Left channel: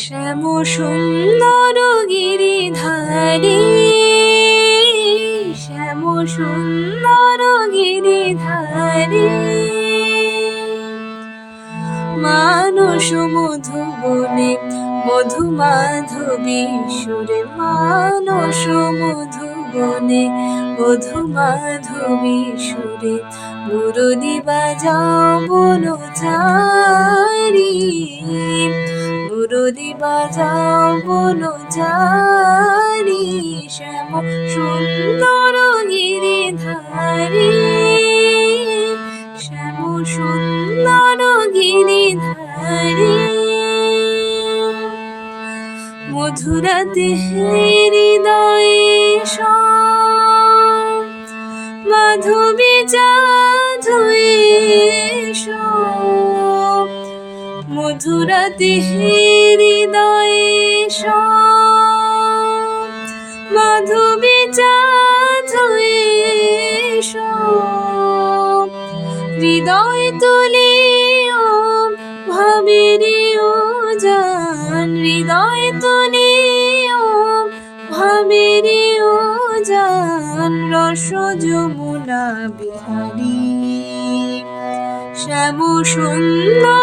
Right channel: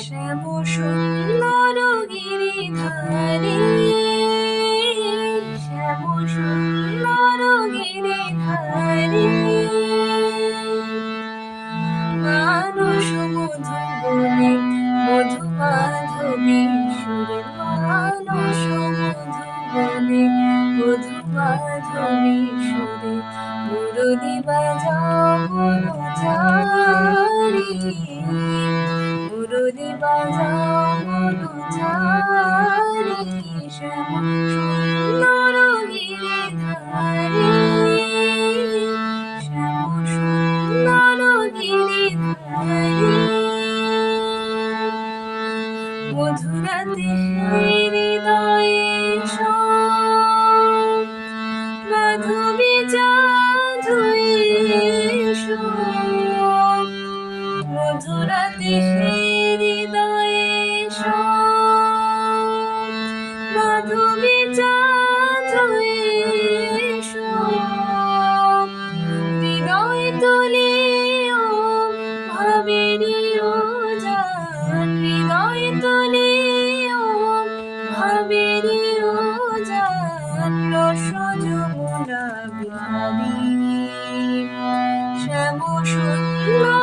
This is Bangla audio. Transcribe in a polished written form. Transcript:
শ্যাম সুন্দর গিরিধারী, শ্যাম সুন্দর গিরিধারী, মানস মধুবনে মধু মাধবী সুরে, মানস মধুবনে মধু মাধবী সুরে, মুরলী বাজাও বনচারী, মুরলী বাজাও বনচারী, শ্যাম সুন্দর গিরিধারী, শ্যাম সুন্দর গিরিধারী। মধুরাতে হৃদয়ে মাধবী চাঁদুয়ে, মধুরাতে হৃদয়ে মাধবী চাঁদুয়ে, হৃদয় তুলিও ভাবেরিও জান, হৃদয় তুলিও ভাবেরিও জান, রস যমুনা বিহারী, শ্যাম সুন্দর